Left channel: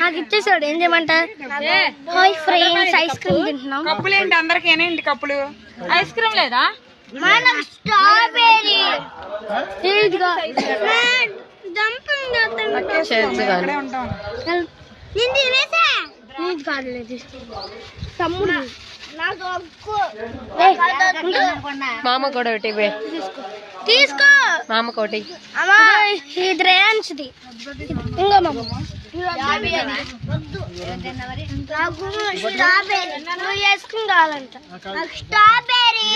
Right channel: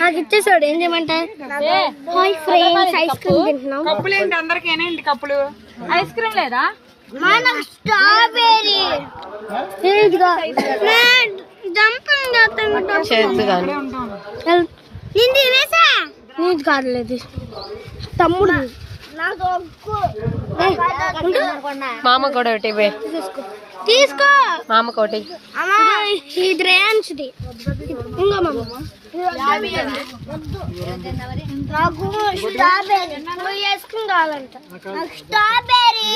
నాకు ఇచ్చేసాడు. ఏం చేయమంటారు? హాయ్ ఫ్రెండ్స్, ఐస్ క్రీమ్ తింటున్నాం. కప్పులు ఏంటి అందరికి? ఏంటి కప్పులు? ఐస్ క్రీమ్ లేదా? స్ట్రాబెర్రీ కాదులేదు తమ్ముడు. మామ కూడా ఒకటి తీసుకో. మామ కోటి ఇది రేయాన్స్ది. ఇంకా మామ స్ట్రాబెర్రీ ఐస్ క్రీమ్ కావాలంట. స్ట్రాబెర్రీ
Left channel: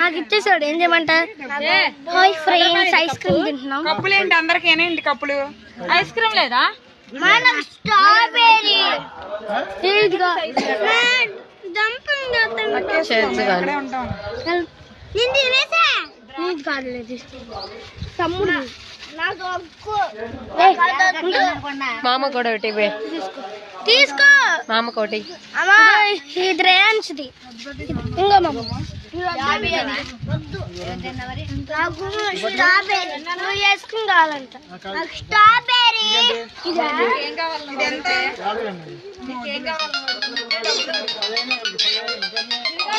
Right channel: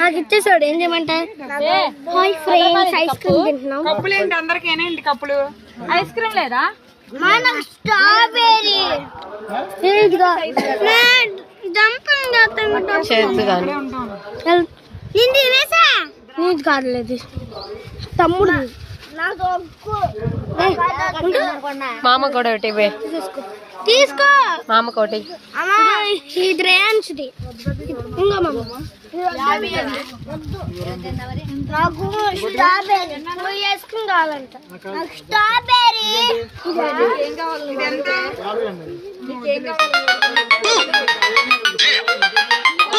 నాకు ఇచ్చేసాడు. ఏం చేయమంటారు? హాయ్ ఫ్రెండ్స్, ఐస్ క్రీమ్ తింటున్నాం. కప్పులు ఏంటి అందరికి? ఏంటి కప్పులు? ఐస్ క్రీమ్ లేదా? స్ట్రాబెర్రీ కాదులేదు తమ్ముడు. మామ కూడా ఒకటి తీసుకో. మామ కోటి ఇది రేయాన్స్ది. ఇంకా మామ స్ట్రాబెర్రీ ఐస్ క్రీమ్ కావాలంట. స్ట్రాబెర్రీ